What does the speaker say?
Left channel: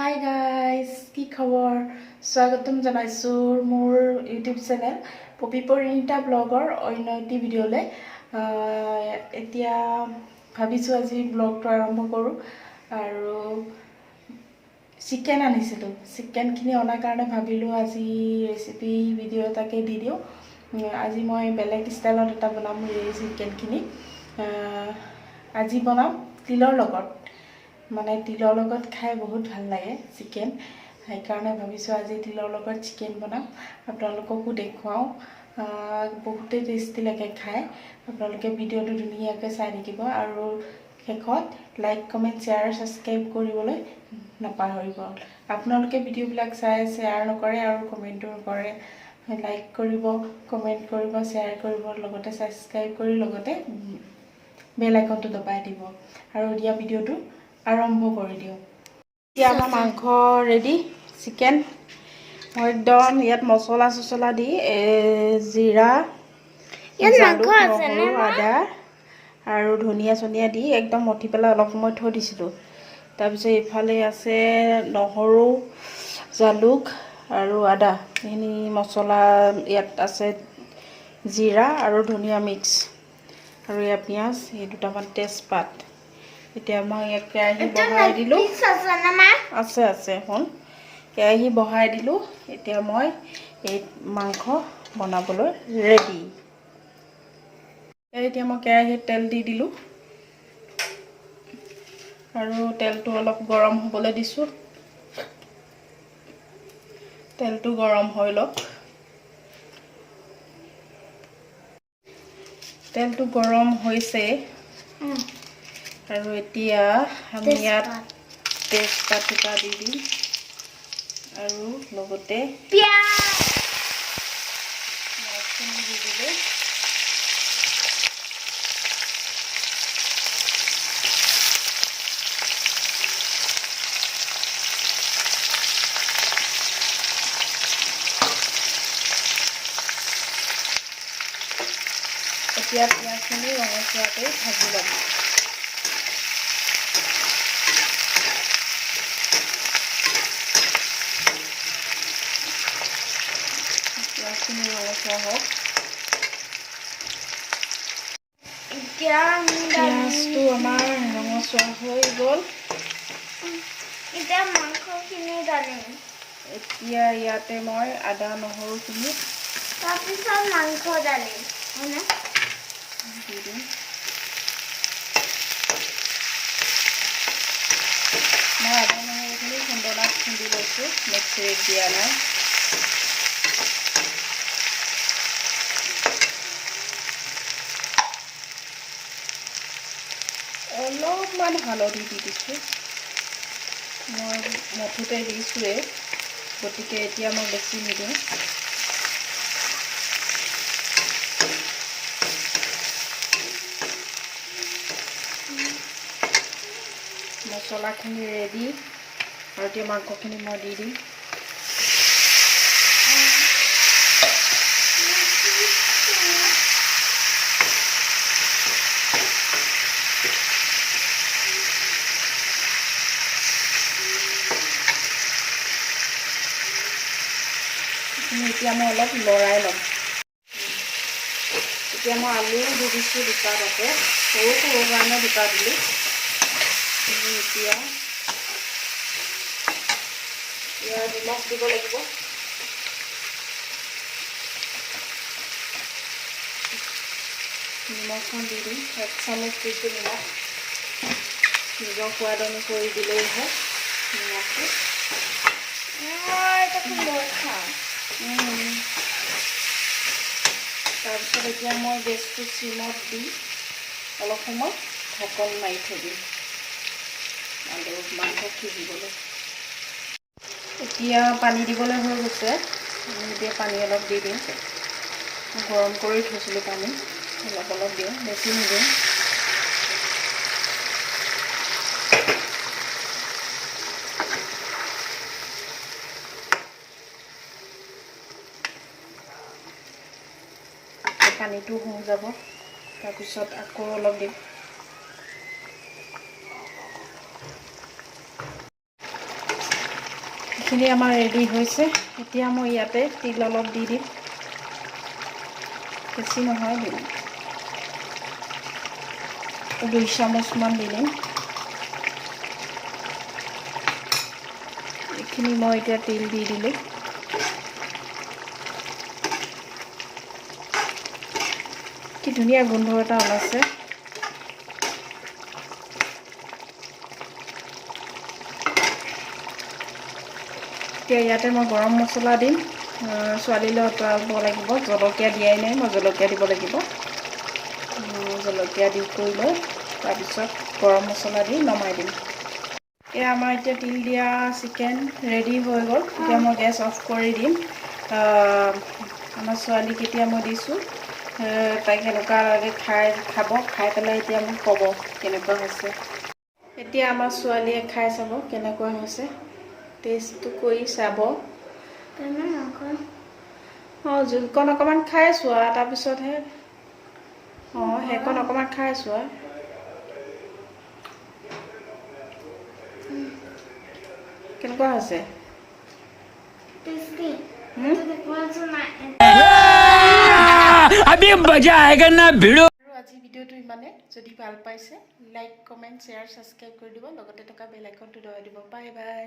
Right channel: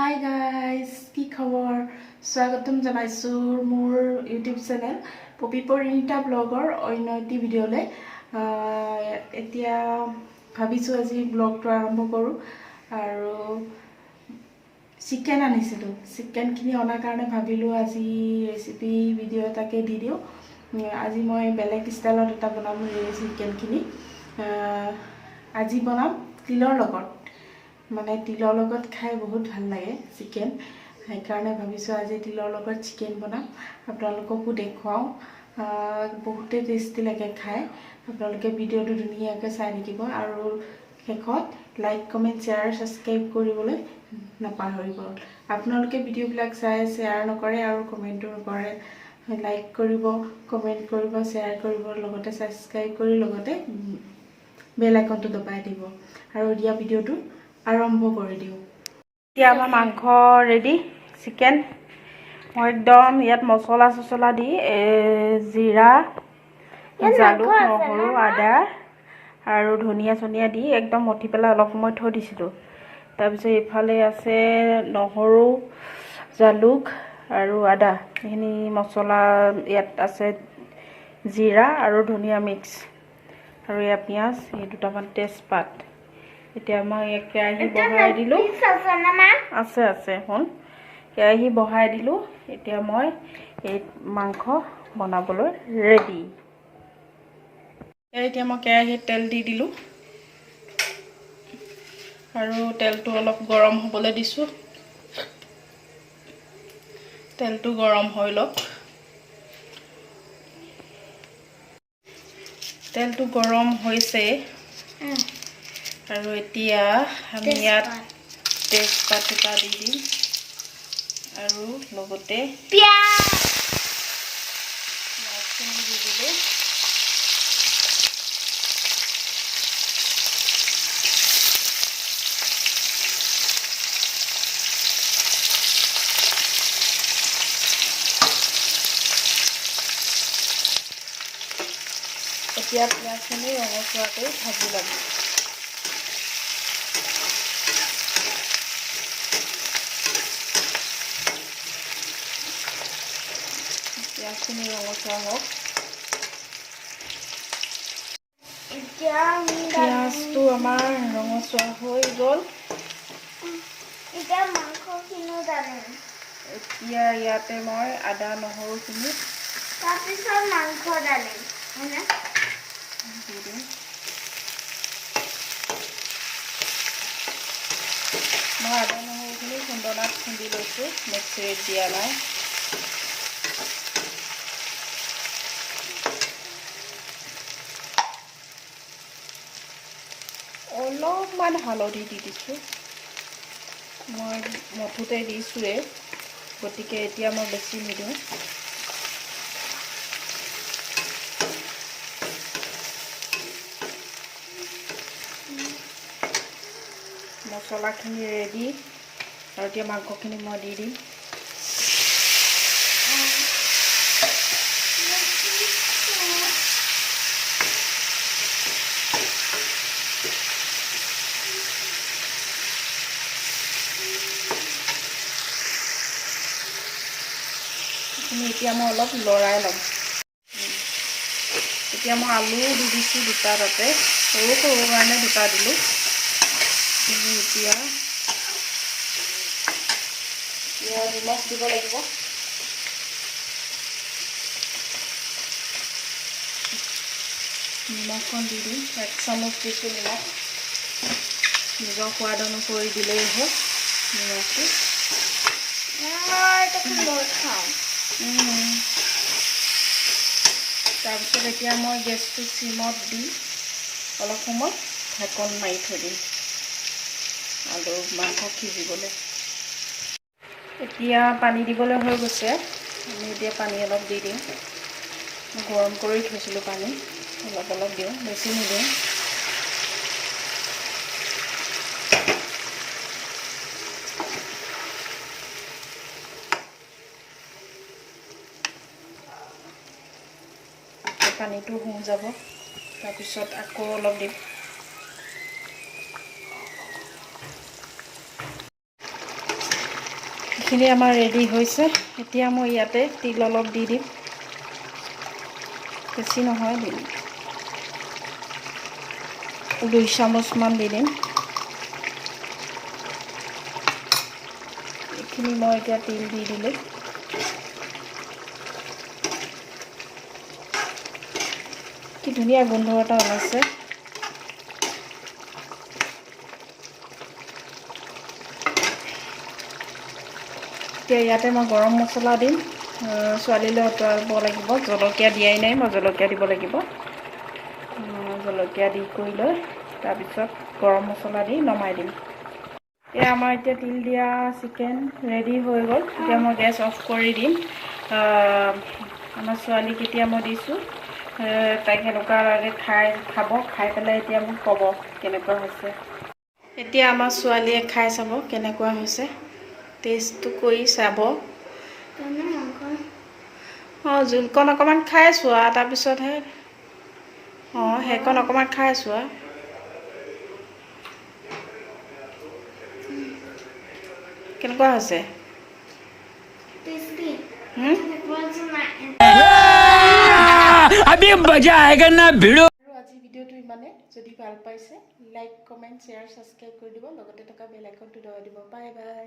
Hi guys, কি খবৰ? স্বাগতম জনাইছোঁ মোৰ ইউটিউব চেনেল পপি পৰিণীতা ব্লগৰ অন্য এটি ভিডিঅ'লৈ। এতিয়া ভাবিছোঁ আজি ব্লগটো আৰম্ভ কৰোঁ। আৰু চিকেন আনিছিলোঁ, চিকেনখিনি অনাৰ কাৰণে ভাবিলোঁ আজি ৰেচিপি ভিডিঅ' এটাকে দি দিওঁ। আজি মই বেলেগ ষ্টাইলত এটা বনাম এই চিকেনখিনি। আজি বনাম তিলৰ লগত, মানে তিলৰ লগত খাই বহুত ভাল লাগে চিকেন। সেইকাৰণে ভাবিছোঁ আজি তিলৰ লগত চিকেন বনাম, আপোনালোককো দেখুৱাওঁ। বহুতেই টেষ্টি লাগে খাই। আপোনালোকে ভিডিঅ'টো ধুনীয়াকৈ চাই থাকিব আৰু শেষত লাইক কমেণ্ট শ্বেয়াৰ ছাবস্ক্ৰাইব কৰিবলৈ নাপাহৰিব। আপোনালোকে ভিডিঅ'বিলাক চাই শ্বেয়াৰ নকৰে আৰু কমেণ্টো নকৰে। লাইক কৰিব, কমেণ্ট কৰিব, শ্বেয়াৰ কৰিব, লগতে ছাবস্ক্ৰাইব কৰি লগতে বেল আইকনটো দবাই দিব আৰু দিয়া ভিডিঅ'টো আৰম্ভ কৰি দিওঁ। এতিয়া আমাৰ মাংস ৰেডি, চিকেন। মই একদম ইয়াত মছলা চছলা দি জিৰা, জালুক, নহৰু, আদা আৰু ধনিয়া চনিয়া দি একদম মঠি পেলাই অলপ সময় থৈ দিছিলোঁ। তাৰপিছত এইফালে আছে নহৰু, জালুক আৰু আদা, এইখিনি মছলা ইয়াত আছে, জিৰা আৰু ধনিয়া মিক্স, আৰু ইয়াত পিঁয়াজ, এই দুটামান তেজপাত। এতিয়া মই এক কেৰাহী বহাই দিলোঁ, আছে শুন, কেৰাহী বহাই দিলোঁ। এতিয়া মই এই মাংস বনাবলৈ ৰেডি। এতিয়া মই কেৰাহীত তেল দি দিলোঁ আৰু তেলটো অলপ গৰম হ'বলৈ দিছোঁ। তেলটো গৰম হৈ লওক। তেলটো গৰম হৈছে আৰু এতিয়া আমি ইয়াত তেজপাত দুটা দি দিম আৰু লগতে পিঁয়াজখিনি দি দিলোঁ। এতিয়া পিঁয়াজখিনি ৰঙচুৱাকৈ ভাজি ল'ম। পিঁয়াজখিনি ৰঙচুৱা হওক। পিঁয়াজটো আমাৰ ৰঙচুৱা হৈ গ'ল। এতিয়া মাংসখিনি ডালিম। এতিয়া ইয়াতে মই আদা নহৰুখিনি তাৰপিছত মাংস ডালিম দি দিম। মই আদা নহৰুখিনি খুন্দনাত খুন্দি লৈছোঁ, মিক্সিত দিয়া নাই। অলপমান হালধি দি দিছোঁ, মই মঠোতে দিছোঁৱে, গতিকে এতিয়া মই বেছি নিদিওঁ। মছলাখিনি ৰেডি আৰু এতিয়া মাংসখিনি মই দি দিম। এতিয়া মই অলপ লৰাই ল'ম। এতিয়া মই আলু দি দিছোঁ দুটা, তাতে সৰু সৰু কাৰণে দুটা দিলোঁ। এতিয়া নিমখ দিব লাগিব। নিমখখন দি দিম, 1 চামুচ দিছোঁ নিমখ। নিজৰ সোৱাদ অনুসৰি দিলেই হয় নিমখটো। তাৰপিছত এতিয়া মই গেছটো চিমত দি অলপ সময় ঢাকন মাৰি থৈ দিম আৰু মাংস সিজিবলৈ। এতিয়া পানী দিবলৈ হৈ গৈছে, আমি এতিয়া পানী অলপ দি দিম। গৰম কৰি থৈছিলোঁ পানী, অলপ অলপ দিওঁ, বেছি নিদিওঁ। পানীটো শুহি যাব, তাৰপিছত আকৌ অলপ দিম। এইখিনি আমাৰ ৰেডি হৈছে এতিয়া মই ইয়াতে তিল অলপ দি দিম বেছি নহয় দিম 2 চামুচমান দি দিম এইখিনি মই এতিয়া তিল দি দিলোঁ কি ধুনীয়া গোন্ধ এটা ওলাইছে এতিয়া ইয়াতে মই গৰম মছলা দিম ছোৱালীলৈ অতৰাব লাগিব জলকীয়া দিয়াই নাই মই জলকীয়া দিব লাগিব জলকীয়া দি কৰি লৈ তাৰপিছত গৰম মছলা দি নমাই দিম এয়া আমাৰ এতিয়া তিল দিয়া চিকেন ৰেডি হৈ গ'ল এতিয়া মই গেছ অফ কৰি দিম আমাৰ ছোৱালীক এতিয়া মই দিছোঁ তাই কেনেকুৱা লাগে খাই পেলাই এতিয়া মোক ক'ব কেনেকুৱা হৈছে এতিয়া আমাৰ ছোৱালীয়ে খাই চাব কেনেকুৱা হৈছে টেষ্টটো কৰি চাব জোলকণ অকণমান খাই চোৱা তাৰপিছতহে সেইকণ অকণমান খাই চোৱা কেনেকুৱা হৈছে अभी मजा आएगा ना भिड़ो আজি ভিডিওটো ইমানে যদি ভাল পাইছে লাইক কমেন্ট শেয়াৰ সাবস্ক্ৰাইব কৰি দিব লগতে থকা বেল আইকনটো দবাই দিব বাই বাই